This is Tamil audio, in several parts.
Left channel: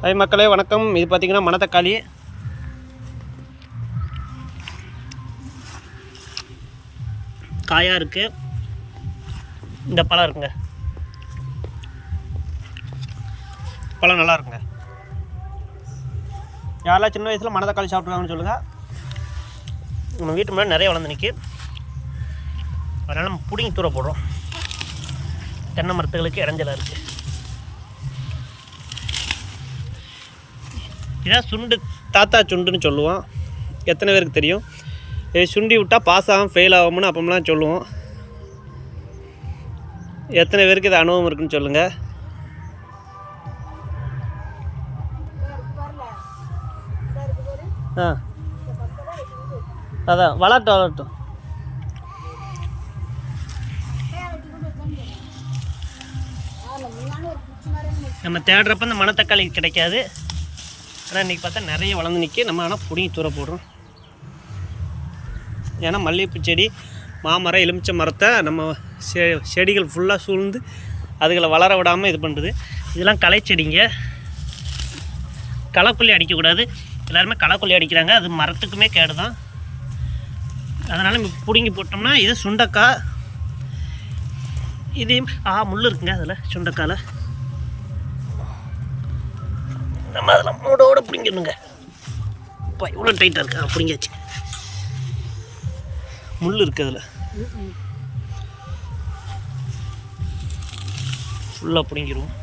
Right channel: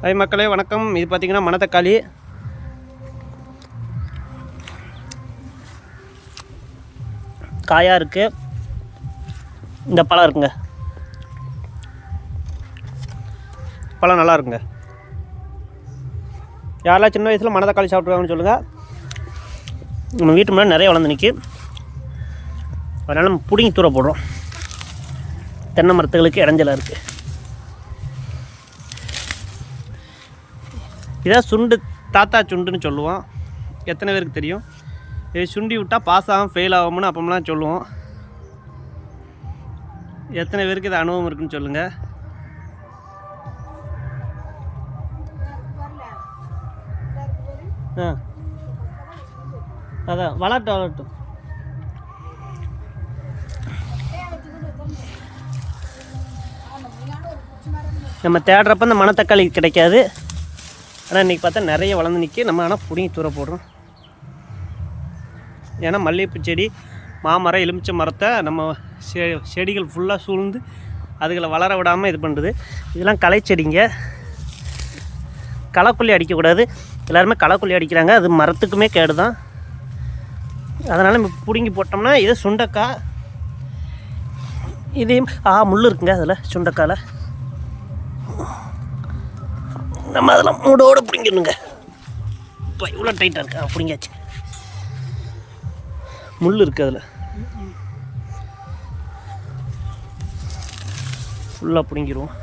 ஹாய் மக்களே வணக்கம். இது பார்த்திங்கன்னா மணத்தக்காளி காயாக இருக்குது இந்த பழம் இருக்குங்க. பழம் நல்லா இருக்குங்க. யாரெல்லாம் சின்ன வயசில் மணத்தக்காளி சாப்பிட்ருக்காங்கன்னு சொல்லுங்கள் நம்ம வீட்டு முன்னாடி நிறைய வளர்ந்து நிற்கி அதனால் நம்ம பிடிங்கி தூர போடுறோம். தென்னை மரத்துகளுக்கு இடைஞ்சலாக இருக்குது இதான் சுண்டு தாத்தா சுண்டுன்னு சொல்லுவோம். எத்தனை பேருக்கு தெரியும்? சுண்டி விட்டால் பாஸ் ஆகும் ஃபெயில் ஆகும்னு அப்போம்லாம் சொல்லுவோம். எத்தனை பேருக்கு இது அனுபவம் இருக்குன்னு சொல்லுங்கள் ஆ. அதான் வளரட்டும் வளரட்டும். நம்ம தேடுறப்ப இந்த மணத்தக்காளி கிடைக்காது. ஆனால் இன்றைக்கி பார்த்தா நிறைய வளர்ந்து நிற்கி நம்ம ஆனால் பிடிங்கி தூர போடுறோம். ஏன்னா மல்லிகைப்பூ செடி மாமரம் எலுமிச்சை மரத்தை நம்ம செ செடிகள் ஃபுல்லாக சூழ்ந்து அதுகளை வளர விடாமல் இது பண்ணுறது இதெல்லாம் களை செடிங்க. களைக்கொல்லி அடிக்கக்கூடாது. எல்லாருமே களைக்கொல்லி அடிக்கிறாங்க. அது மரத்துக்குமே கேடு தான் அதனால் நம்ம பிடுங்கி போட்டோம்னா இது சுண்டக்காய். இது ஆ முள் இருக்குங்க அதில் சுண்டக்காயில். நம்ம அதெல்லாம் மூடோடு பிடிங்கிடணுங்க இப்போ இவ்வளோ டைட்டாக இருக்கா? பிடிங்காச்சு. முள் இருக்குது அதில். ஃபுல்லாக பிடுங்கிடுவோம்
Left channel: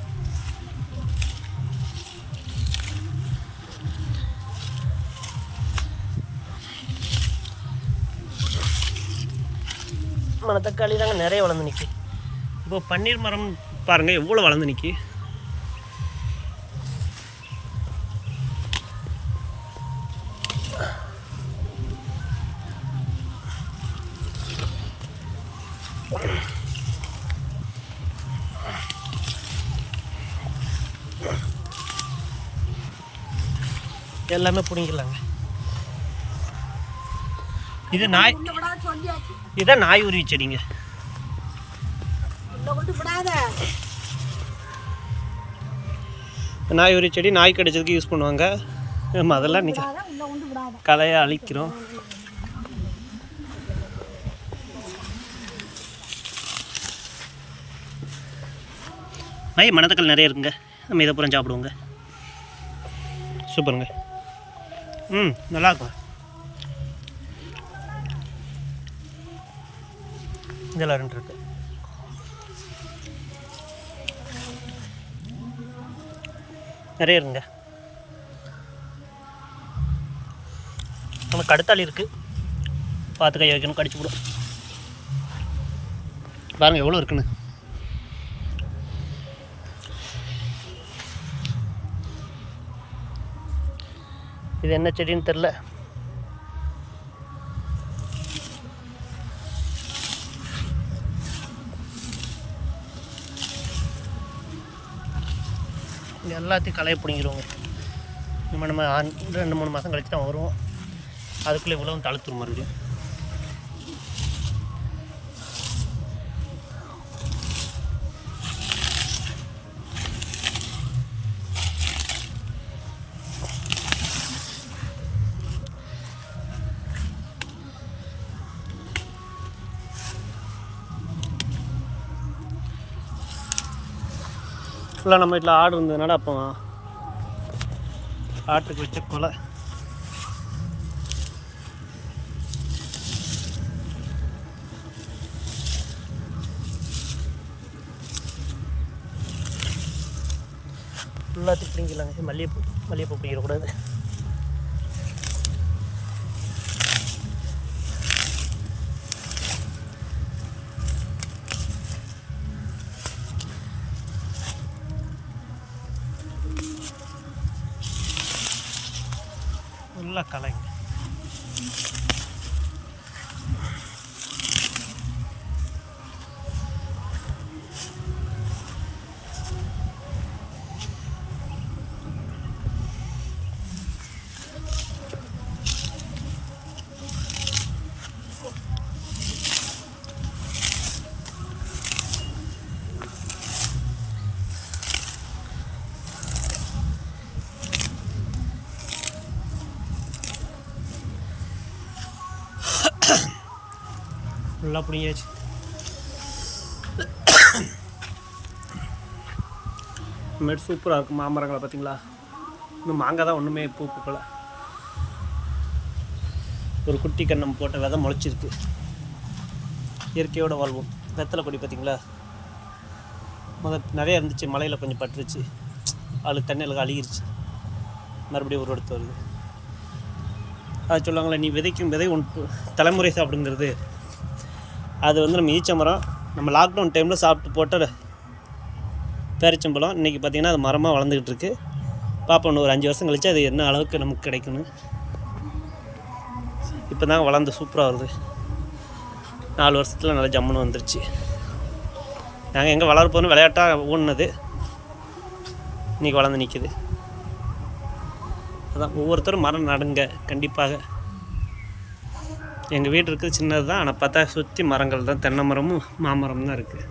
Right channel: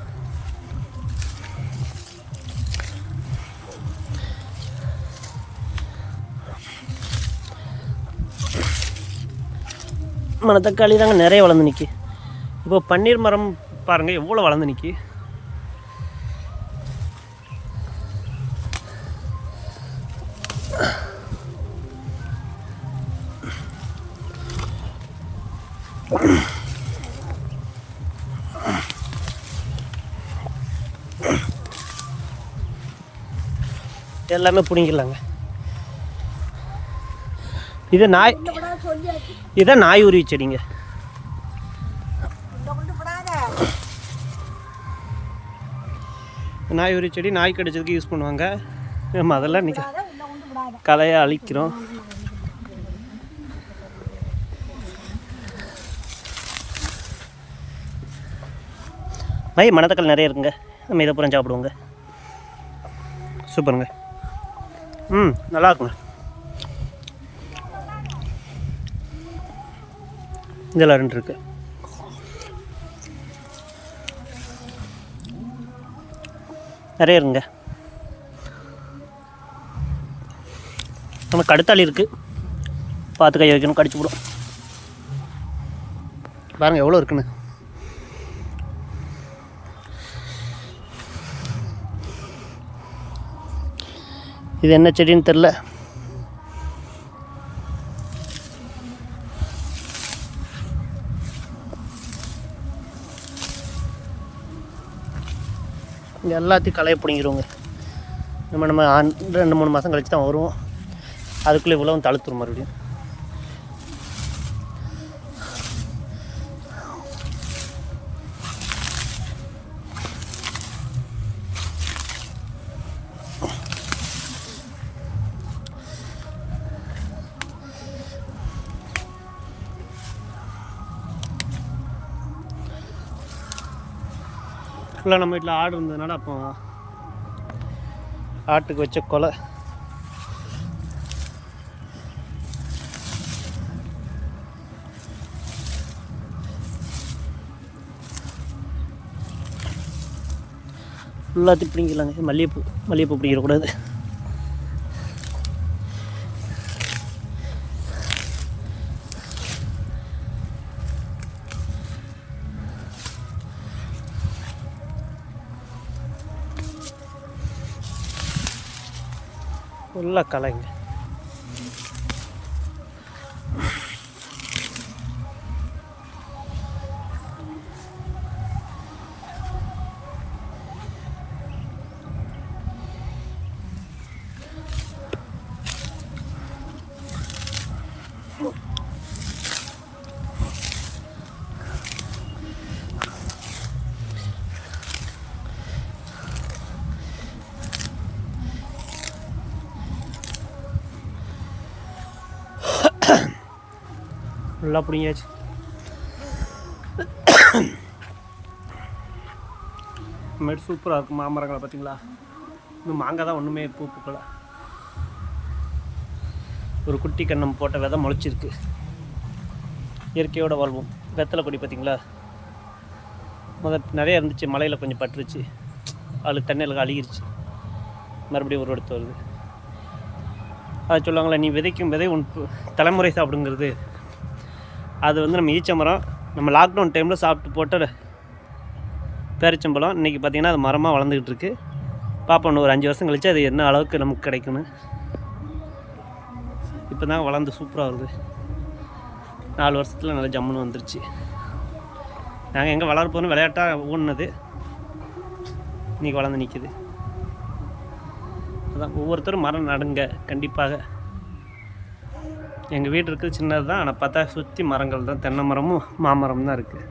மணத்தக்காளி தாங்க நிறைய வளர்ந்து நிற்கி இப்போ பன்னீர் மரம் பாருங்கள் எவ்வளோ வளர்ந்து நிற்கி எல்லாமே பிடிங்கிடலாங்க. இது நாய் இதான் நாய் உருவி செடிங்க. நாய் உருவி செடி நாய் கடிச்சதுக்கு யூஸ் பண்ணுவாங்க. நம்ம அதெல்லாம் கலையை அழிக்கிறோம். மை மணத்தக்காளி நிறைய இருக்குங்க. நம்ம இதை பூரா சாப்பிடுவோங்க. சூப்பருங்க. ம் நல்லா இருக்குங்க. இதெல்லாம் ரெண்டு இருக்கு. நிறைய இருக்குங்க. நம்ம கடுத்தாளி இருக்குது பார்த்து கை வைக்கணும் கடிச்சு விடும் பாருங்கள் எவ்வளோ இருக்குன்னு. இது என்ன செடின்னு தெரில. இங்கே எல்லாத்தையும் களைய பிடிங்கிருவோங்க. நம்ம நம்ம ரெண்டு மூணு மாதம் கழிச்சு தான் வருவோம். அதுக்குள்ளே இவ்வளோ தழுத்துருவமாதிரி இருக்கும் ஃபுல்லாக நம்ம வீட்டில் ஆடு இருந்ததுனால அப்போ ஆட்டுக்கு வச்ச கொலை. எல்லாத்தையும் பிடிங்கலாங்க. மல்லிகைப்பூ மல்லிகைப்பூ பிடிக்கிறக்கூடாது நல்லா கலைங்க. நல்லா பிடிங்காச்சு இனிமேட்டு சூப்பராக இருக்கும் மாமரங்களை பார்த்தீங்களா? இன்னும் மாங்காய் தான் ஒன்றுமே பூ பூக்கலை. ஒரு குட்டி கண்ணம் போட்ட விதை முளைச்சிருக்கு. இயற்கையோடு வாழ்வோம். வெத்தலை கொடி பார்த்தீங்களா? முதல் நிறையா இருந்துச்சு மலையில் கொஞ்சம் பட்டுருச்சு. அது தண்ணியில் அழுகிருச்சு. மறுபடியும் ஒரு எடுத்து வருது. அது சொல்லுவாங்களே நீ விதைக்கும் விதை உன் தலைமுறை சாப்பிடுங்கிறது. அது வந்து நம்ம ஈச்ச மரம். நம்ம லாக்டவுன் டைமில் சாப்பிட்டு போட்ட பேரிச்சம்பழம் இன்றைக்கி பார்த்திங்கன்னா அது மரமாக வளர்ந்துக்கிட்டு இருக்குது பார்ப்போம் ஒரு அஞ்சு வருஷம் கழித்து அது என்ன அளவுக்கு நமக்கு கிடைக்குன்னு இப்போ தான் வளர்ந்து சூப்பராக வருது. நாலு வருஷத்தில் நல்லா ஜம்முன்னு வந்துருச்சு. நாங்கள் எங்கே வளர்ப்போன்னு விளையாட்டாக ஊன்னது. இன்றைக்கி வளர்ந்து நிற்கிது அதான் ஒவ்வொருத்தரும் மரம் நடுங்க கண்டிப்பாக. எங்கள் வீடு இருக்குது சின்னது தான் ஆனால் பார்த்தா சுற்றி மரங்கள் தான் தென்னை மரமும் மாமரம் தான் இருக்குது.